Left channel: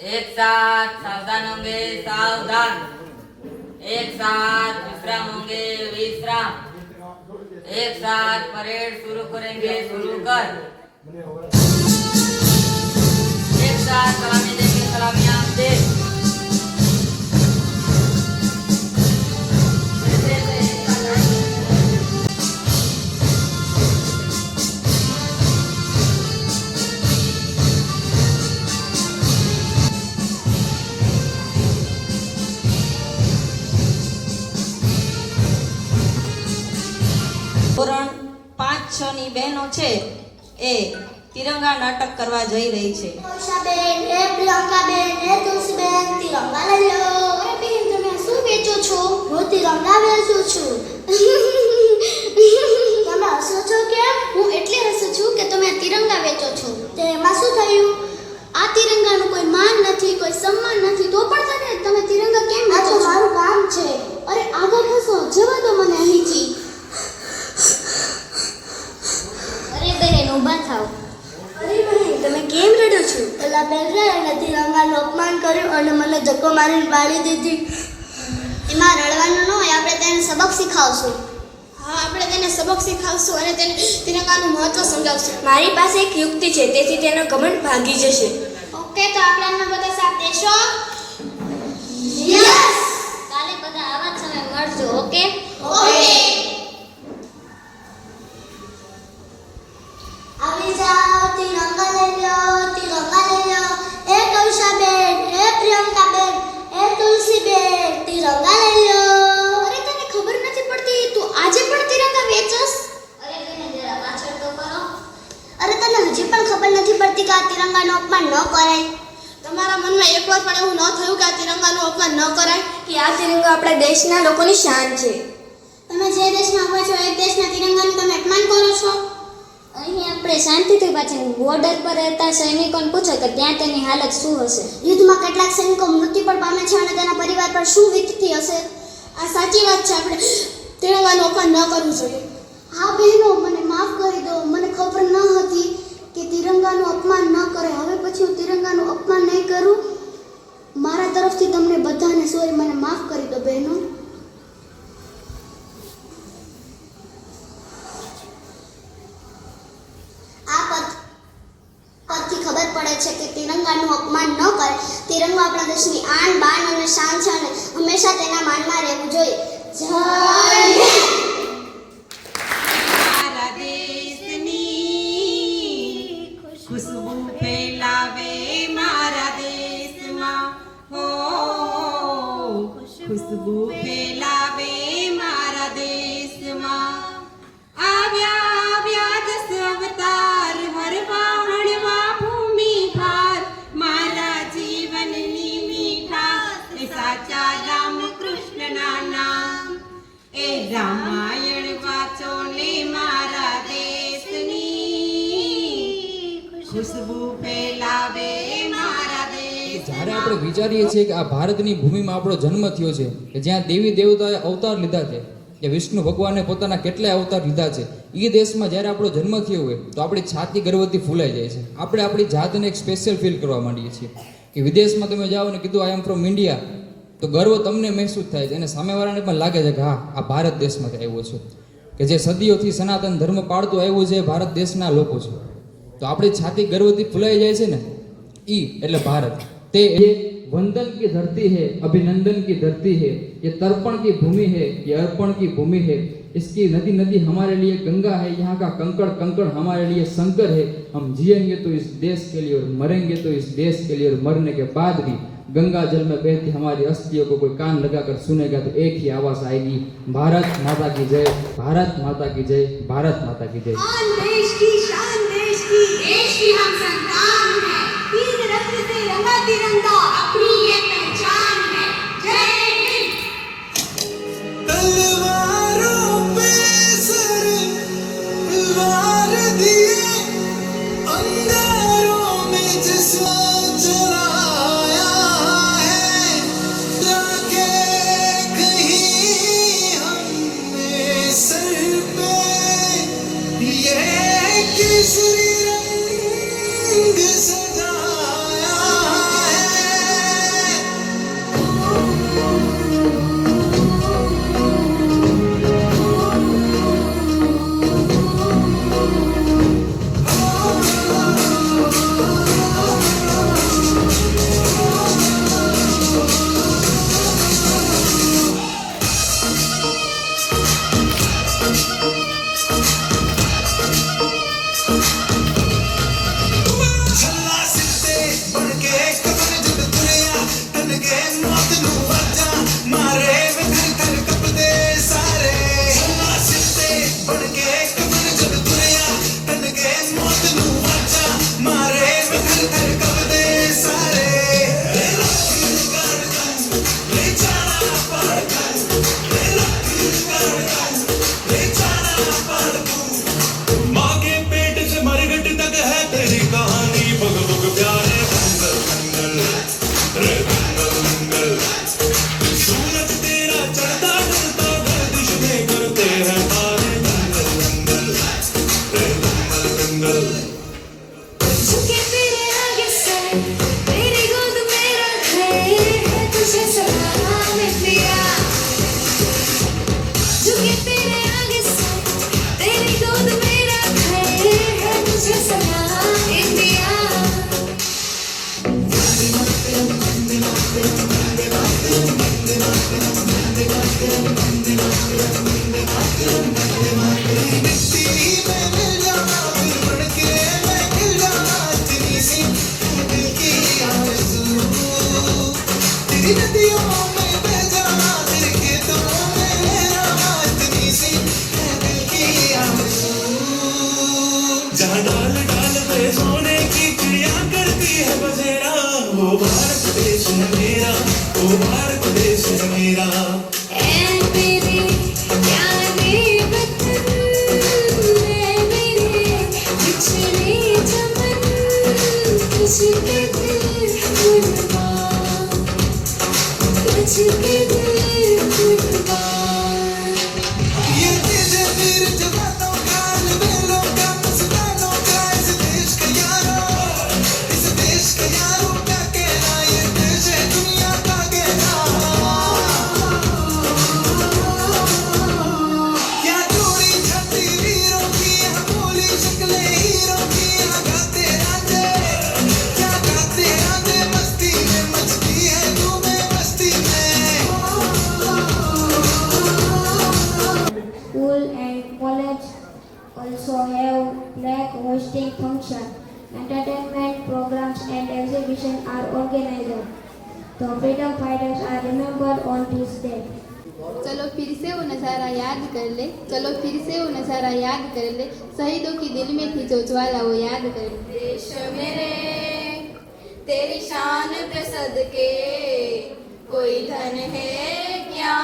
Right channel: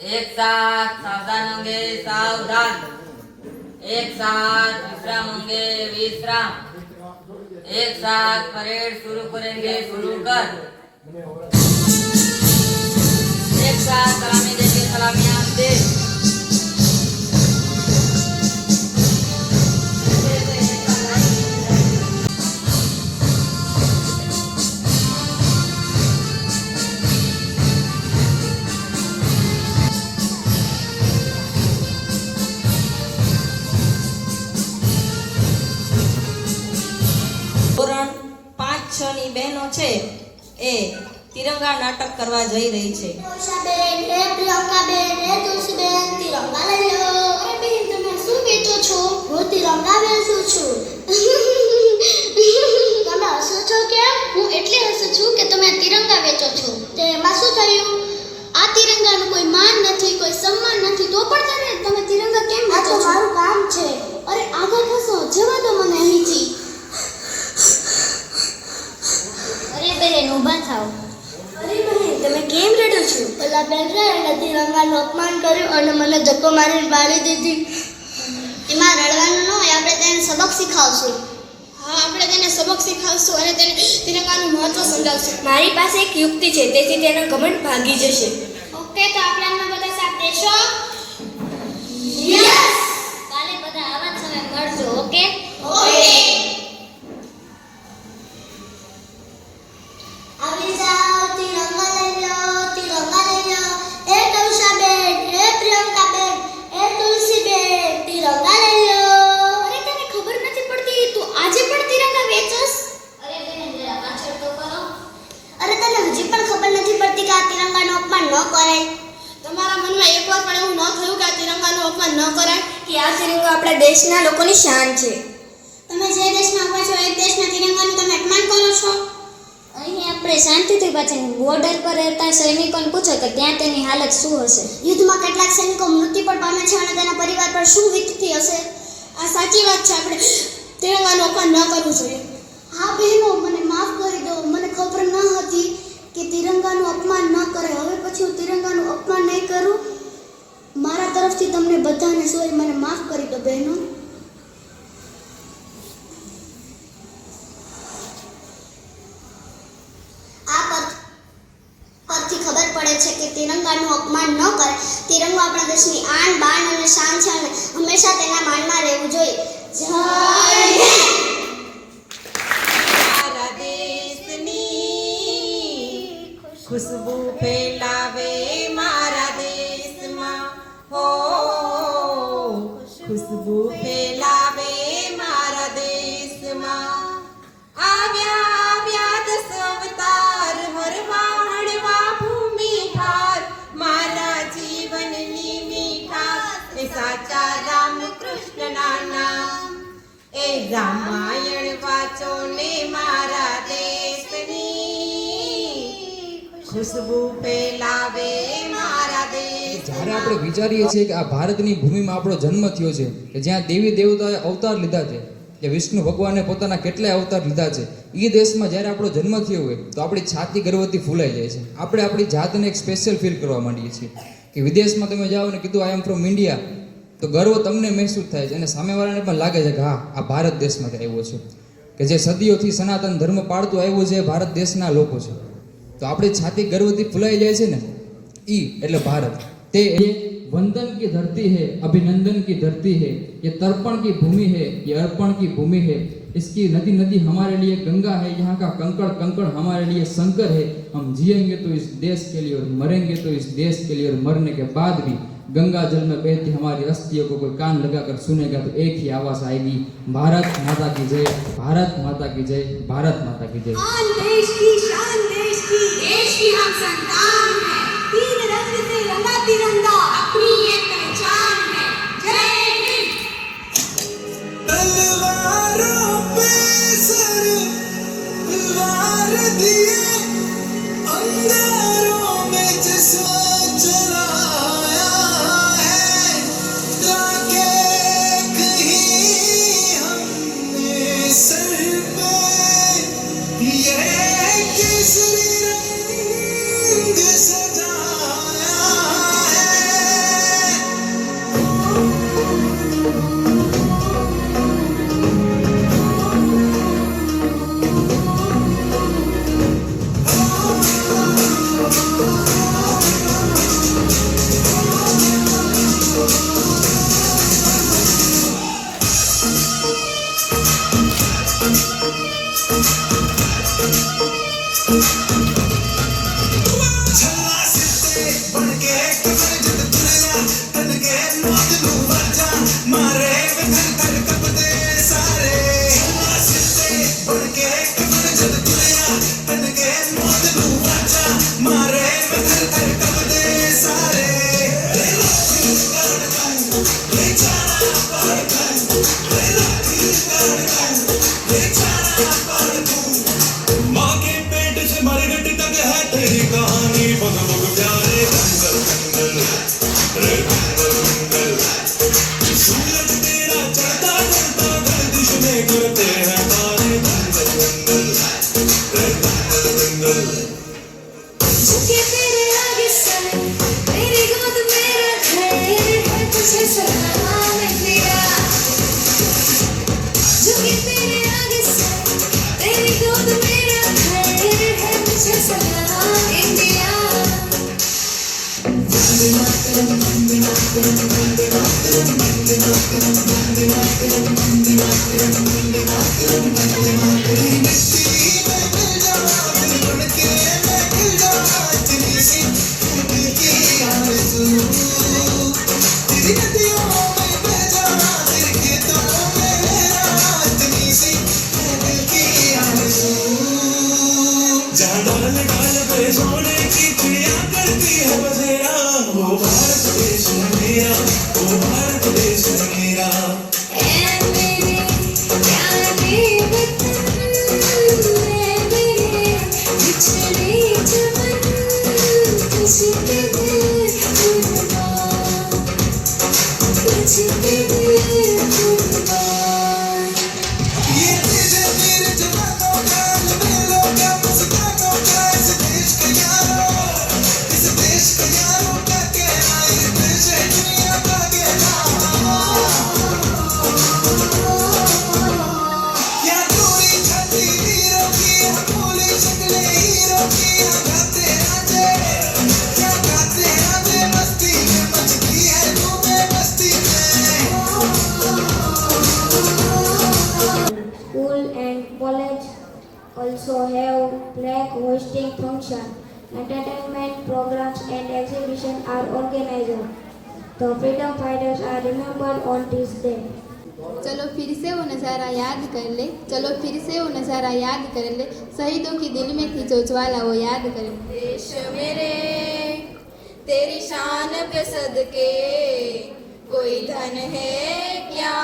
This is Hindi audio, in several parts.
एक साथ सावधान होंगे सावधान, एक साथ विश्राम होंगे विश्राम, एक साथ परेड शुरू करेंगे शुरू कर, एक साथ सलामी देंगे सलामियां दे। બહેનો છે એ તિરંગા નાટક કરવા જઈ રહી છે. બેન હે પ્રિયંકા બેન હે તુલસીબેન તિરંગા લઈ લો. અરે બેન તમે શું વેચો છો? હું તિરંગા વેચું છું. તમે હસો છો કેમ? હું એટલે હસું છું કે તમે તિરંગા વેચો છો. તે એમાં શું થયું? આ તિરંગાનું કોઈ માન નથી, કોઈ સન્માન નથી, તો પણ તમે તિરંગા કેમ વેચો છો? મારું કામ છે. અરે આગળ ખસો, જવા દો મને અહીંથી. બહેન ઊભા થાવ. અરે બહેન તમે કેમ રડો છો? પેલા બેન એને તિરંગાનું અપમાન કર્યું અને મને ધક્કો મારીને બાળી દીધી. એમાં રડવાનું ન હોય, આપણે તેને સબક શીખવશું. હા, આપણે તેને સબક શીખવશું અને તેને તિરંગાનું મહત્વ સમજાવશું. મારી પાસે એક યુક્તિ છે, તેથી તેનો ઘમંડ ભાગી જશે. ઓકે, તો આપણે એમાં બધા સાથ દેશો? યસ. કાલે બધા આવા જ સમય મળજો. Okay okay. દેશના લોકોની શાન છે. તમે જે દેશમાં આવો છો એ દેશના તિરંગાનું તમે અપમાન કરો છો. અહીં આપણે શાંતિથી પાછળ બોર્ડર પર રહેતા સૈનિકોને પૂછો તો ત્યાં તેની હાલત શું હશે. યુદ્ધમાં કેટલાક સૈનિકો મૃત્યુ પણ પામે છે અને તેના પરિવાર પર શું વીતતી હશે. આ સાચી વાત છે, આપણે તિરંગાનું અપમાન ન કરવું જોઈએ. હા બહેનો, મને માફ કરી દો. મને ખબર ન હતી કે તિરંગાનું અપમાન ન કરે. હવે પછી હું તિરંગાનું અપમાન નહીં કરું. મારા તરફથી તમને બધાને સોરી, મને માફ કરી દો બહેનો. આ પરથી ખબર પડે છે કે તિરંગાનું અપમાન ન કરે. તિરંગો આપણા દેશની આન બાન અને શાન છે અને હંમેશા તેના માનમાં રહેવું જોઈએ. જય હિન્દ. મારા દેશની ખુશ્બુ ફેલાવે મારા દેશમાં, હો ખુશ્બુ ફેલાવે મારા દેશમાં. આવ્યા આવ્યા દસ અવતાર હરવા હળવા ભૂમિ ભાર, મારા જીવનની મીઠાશ એ સાચા રામ કૃષ્ણના નામ. એ રામાયણ વાંચો ને મારા દેશની ખુશ્બુ ફેલાવે મારા દેશ. જ્યારે આપણે વિચારીએ છીએ કે આ ભારતની ભૂમિમાં આપણો જન્મ થયો છે, કે જ્યાં દેવી દેવતાએ અવતાર લીધા છે, જે વિષ્ણુ ભગવાને પોતાના કેટલાય અવતાર લીધા છે, એ દેશમાં જ્યારે આપણો જન્મ થયો હોય તો આપણી છાતી ગર્વથી ફૂલાઈ જાય છે. આપણે આપણી જાતને એક સ્પેશિયલ ફીલ કરવા માંડીએ છીએ. કે વિદેશમાં તમે જાઓ ને કીધું આઈ એમ ફ્રોમ ઇન્ડિયા, તો ગર્વ તમને મહેસૂસ થાય છે અને સામેવાળાને પણ લાગે છે કે હા, આ ભારત દેશમાંથી આવ્યો છે, કે જે સદીઓથી સનાતન ધર્મ પાળતું આવ્યું છે, ભારત દેશના લોકો છે. તો આપણી છાતી ગર્વથી ફૂલાઈ જાય છે ને, ઈ એટલે ભારત. તે वंदन की धरती है, अभिनंदन की धरती है, ये तर्पण की भूमि है, ये अर्पण की भूमि है. इसकी नदी नदी हमारे लिए गंगा है, यहाँ का कंकड़ कंकड़ हमारे लिए शंकर है. हम जिएंगे तो इस देश के लिए और मरेंगे तो इस देश के लिए, और मरने के बाद भी गंगा जल में बहती हमारी अस्थियों को कोई कान लगाकर सुनेगा तो एक ही आवाज आएगी, भारत माता की जय, भारत माता की जय, भारत माता की जय. देश की शान, देश की हम संतान हैं, तीन रंग से रंगा तिरंगा अपनी ये पहचान है. जय हिंद. तलवारों पे सर वार दिए, अंगारों में जिस्म जलाया है, ताकि कहीं हमने सर पे ये केसरी रंग सजाया है. ले जाना पर तू माँ के पेट से मरघट तक है तेरी कहानी बग बग प्यारे दंगल दंगल रे दंगल दंगल सूरज तेरा चढ़ता ढलता गर्दिश में करते हैं तारे दंगल दंगल रे दंगल दंगल झुके तेरे आगे सर मेरी गोद मेरा घर है तुझे सलाम इंडिया झुके तेरे आगे सर तेरी गोद मेरा घर है तुझे सलाम इंडिया जहाँ डाल डाल पे सोने की चिड़िया करती है बसेरा वो भारत देश है मेरा वो भारत देश है मेरा ऐ मेरे प्यारे वतन ऐ मेरे बिछड़े चमन तुझके दिल कुर्बान तुझके दिल कुर्बान ये तेरे वीर जवानों का ये दिलों का मस्तानों का इस देश का यारों का कहना ये देश है दुनिया का कहना क्या दूरी छाती वीरों की यहाँ भूली शक्लें हीरों की यहाँ गाते राजे मस्ती में मचती है धूमें बस्ती में School and college also have flag hosting function. Entertainment programs and exhibitions are organized. The freedom fighters are remembered on this day. चलो फिर से वो नज़ारा याद कर ले चलो फिर से वो नज़ारा याद कर ले शहीदों की दिल में थी जो ज्वाला वो याद कर ले देश मेरे तेरी शान पे सदके कोई धन है क्या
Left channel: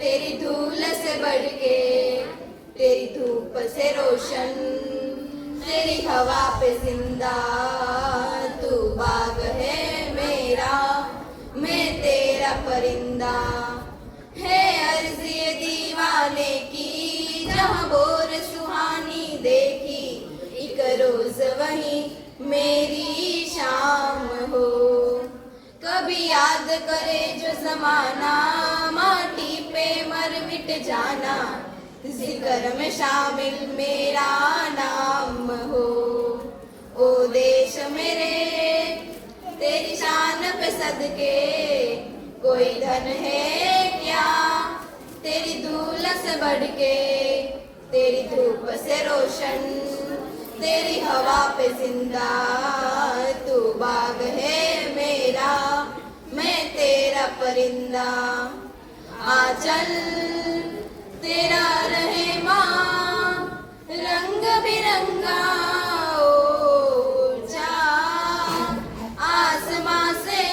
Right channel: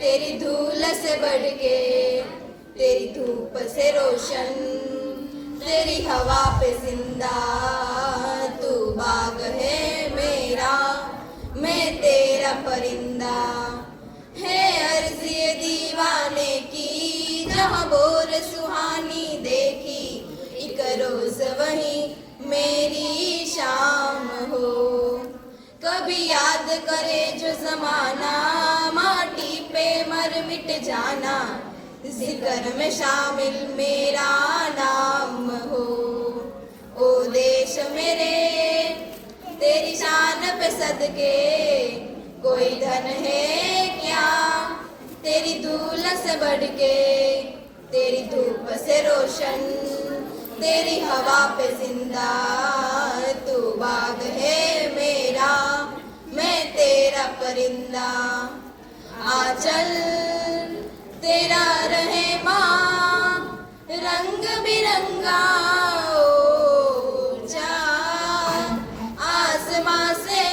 तेरी धूल से बढ़ के तेरी धूप से रोशन तेरी हवा पे जिंदा तू बाग है मेरा मैं तेरा परिंदा है अर्ज़ ये दीवाने की जहाँ बोर सुहानी देखी एक रोज वही मेरी शाम हो कभी याद करे जो जमाना माटी पे मर मिट जाना जिक्र में शामिल मेरा नाम हो ओ देश मेरे तेरी शान पे सदके कोई धन है क्या तेरी धूल से बढ़ के तेरी धूप से रोशन तेरी हवा पे जिंदा तू बाग है मेरा मैं तेरा परिंदा आंचल तेरा रहे माँ रंग बिरंगा ओ जा आसमां से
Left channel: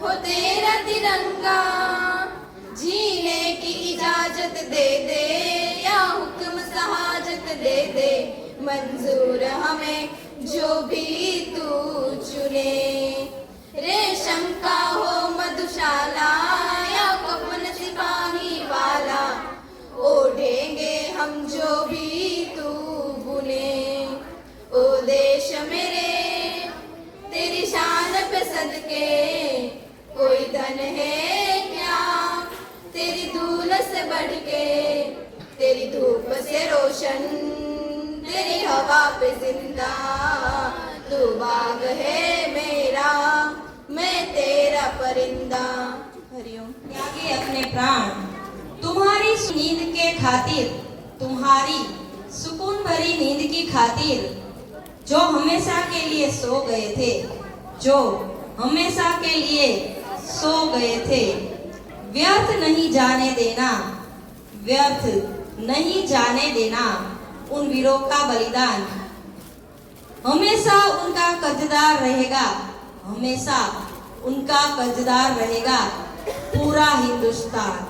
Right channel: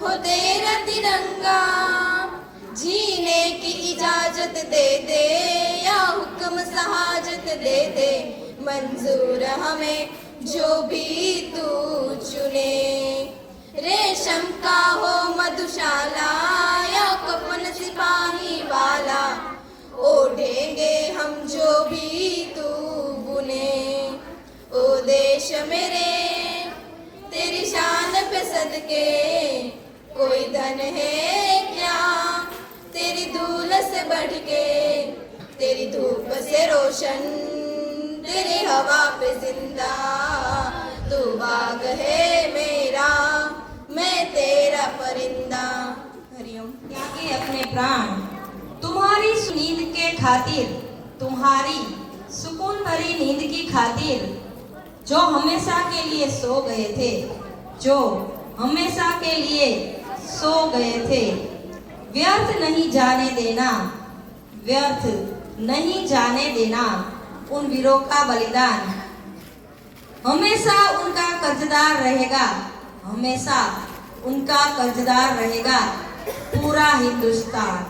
हो तेरा तिरंगा जीने की इजाजत दे दे या हुक्म सहाजत दे दे मंजूर हमें जो भी तू चुने रेशम का हो मधुशाला या कफन सिपाही वाला ओढ़ेंगे हम जो भी तू बुने ओ देश मेरे तेरी शान पे सदके कोई धन है क्या तेरी धूल से बढ़ के तेरी धूप से रोशन तेरी हवा पे जिंदा तू बाग है मेरा मैं तेरा परिंदा हरिओम त्यागी अपने प्राण तुम्हारी नींद के खातिर तुम्हारी सुकून भरी नींद की खातिर जो हमेशा के लिए सो गए थे जो हमेशा के लिए सो गए थे व्यर्थ नहीं जाने देना व्यर्थ नहीं जाने देना उन वीरों का बलिदान हमेशा उनका कर्जदार रहेगा हमेशा उनका कर्जदार रहेगा पूरा हिंदुस्तान।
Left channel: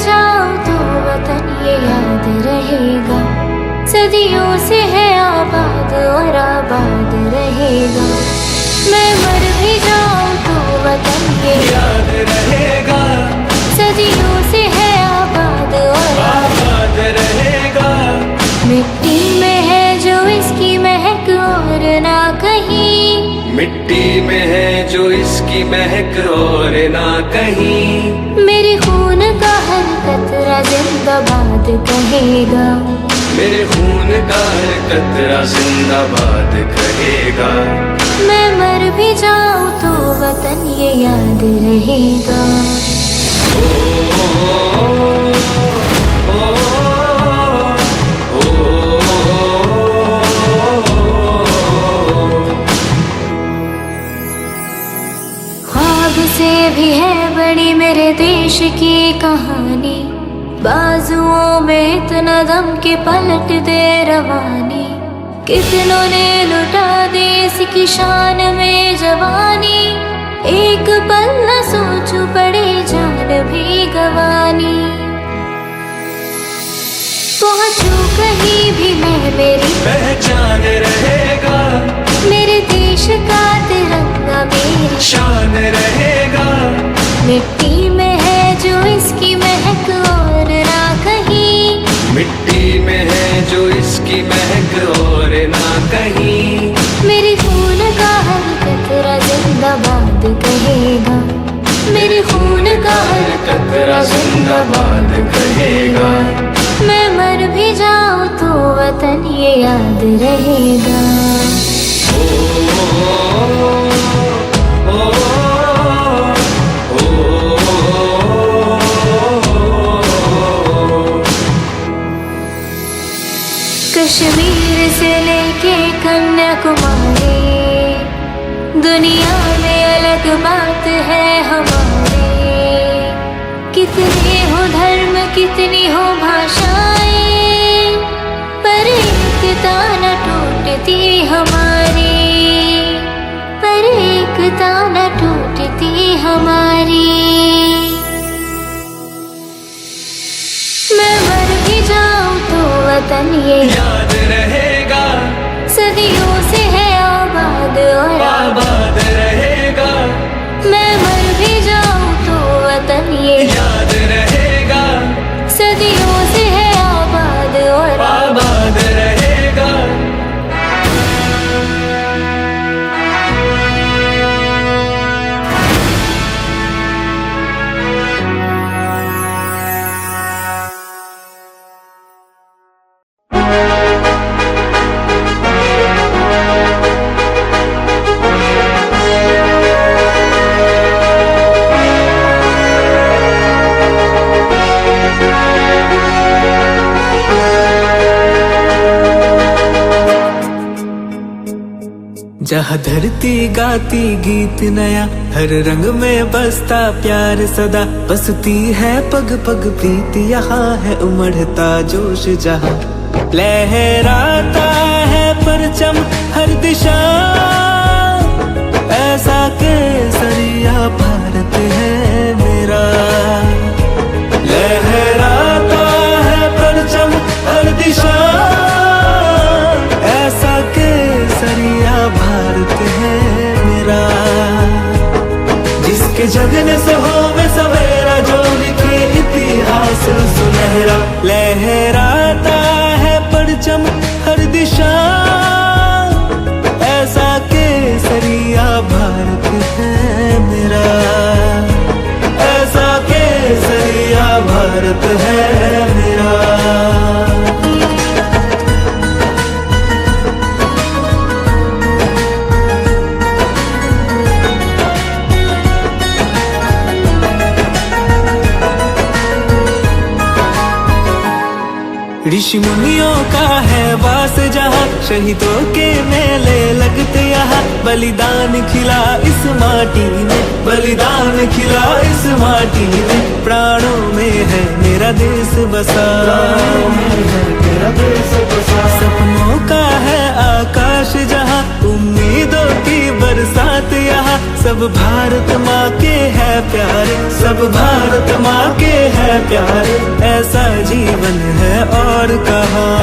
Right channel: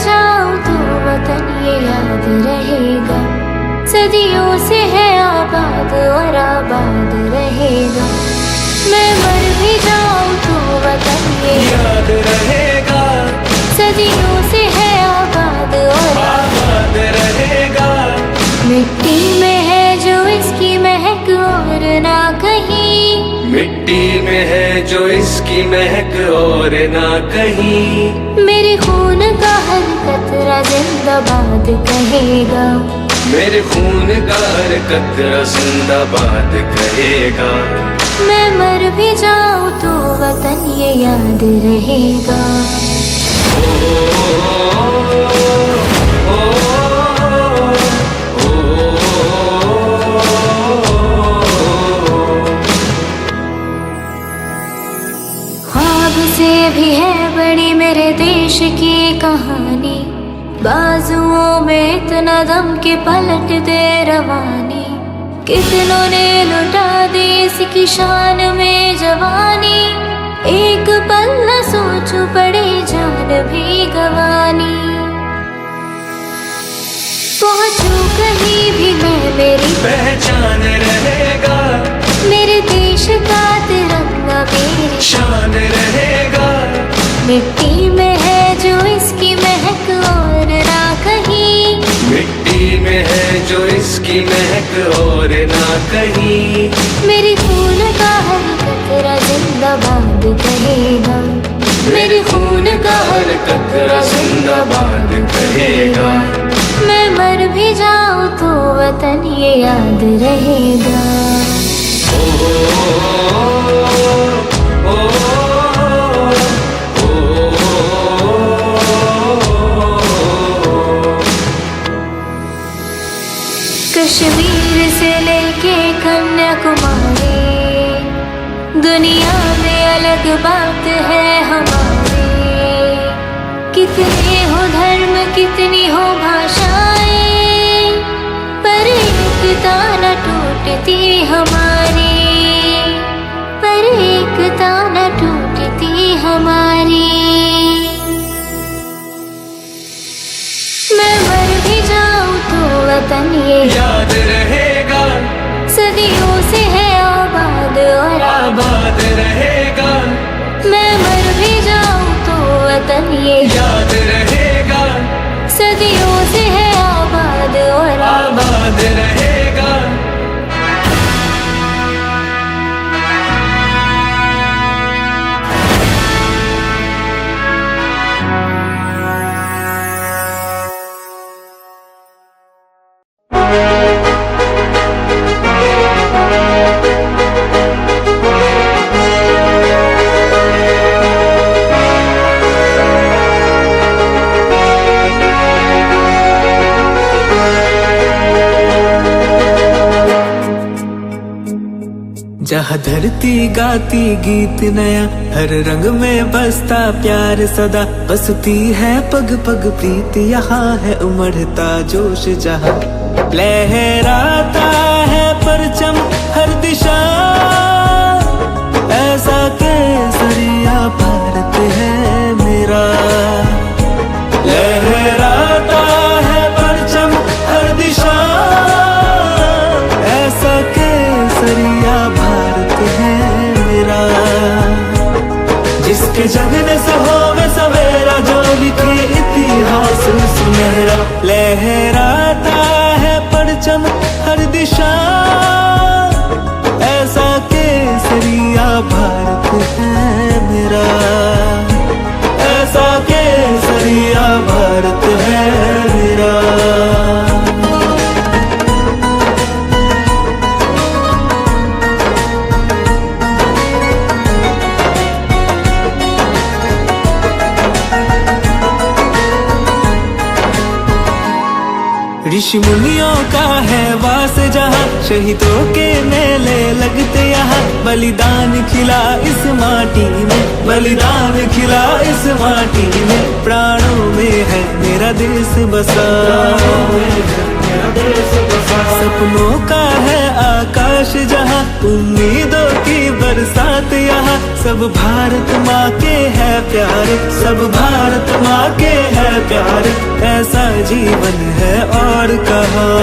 जाऊं तो वतन ये याद रहेगा, सदियों से है आबाद और आबाद रहेगा। मैं मर भी जाऊं तो वतन ये याद रहेगा, सदियों से है आबाद और याद रहेगा। मिट्टी में है जो इसकी महक और ना कहीं, मिट्टी में है जो इसकी महक और ना कहीं। मेरे खून का हर कतरा जिंदाबाद कहेगा, मेरे खून का हर कतरा जिंदाबाद कहेगा। मैं मर भी जाऊं तो वतन ये याद रहेगा। ख्वाब से भी है बड़ी मेरे देश की कहानी, बाजुओं में इतना दम के पलट दे रवानी। कितनों ने लुटा दी इसकी शान में जवानी, एक पल न सोचूं पड़े जान भी गवानी। पहुंचूं कहीं भी मैं मेरी पहचान रहेगा, मेरे देश का तिरंगा मेरी शान रहेगा। मिट्टी में है जो इसकी महक और ना कहीं, मिट्टी में है जो इसकी महक और ना कहीं। मेरे खून का हर कतरा जिंदाबाद कहेगा, मेरे खून का हर कतरा जिंदाबाद कहेगा। मैं मर भी जाऊं तो वतन ये याद रहेगा। कश्मीर से लेके कन्याकुमारी, दुनिया में अलग बात है हमारे। कितने हो धर्म कितनी हो भाषाएं, पर एकता न टूटती हमारी, पर एकता न टूटती हमारी। मैं मर भी जाऊं तो वतन ये याद रहेगा, सदियों से है आबाद और आबाद रहेगा। मैं मर भी जाऊं तो वतन ये याद रहेगा, सदियों से है आबाद और आबाद रहेगा। जहाँ धरती गाती गीत नया, हर रंग में बसता प्यार सदा। बसती है पग पग प्रीत, यहाँ है उमड़ता जोश जहाँ। लहराता है परचम हर दिशा, ऐसा केसरिया भारत है मेरा। लहराता है परचम हर दिशा, ऐसा केसरिया भारत है मेरा। जिसके जगने से होवे सवेरा, जो लिखे इतिहास सुनहरा। लहराता है परचम हर दिशा, ऐसा केसरिया भारत है मेरा। ऐसा केसरिया भारत है मेरा। ऋषि मुनियों का है वास जहाँ, शहीदों के मेले लगते यहाँ। बलिदान खिला इस माटी में, बलिदान खिला इस माटी में। प्राणों में है मेरा देश बसा, सपनों का है आकाश जहाँ, उम्मीदों की बरसात यहाँ। सब भारत माँ के है प्यारे, सब भारत माँ के है प्यारे। ऐसा जीवन है और कहाँ,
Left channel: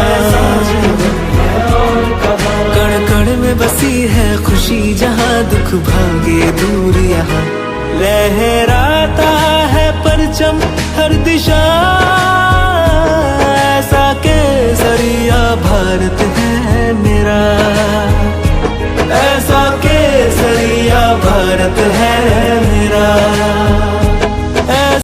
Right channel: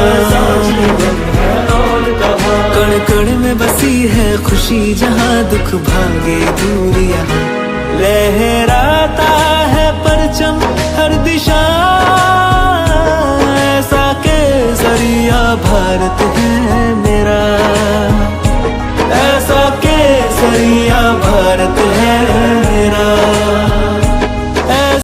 कण कण में बसी है खुशी जहाँ, दुख भागे दूर यहाँ। लहराता है परचम हर दिशा, ऐसा केसरिया भारत है मेरा, ऐसा केसरिया भारत है मेरा।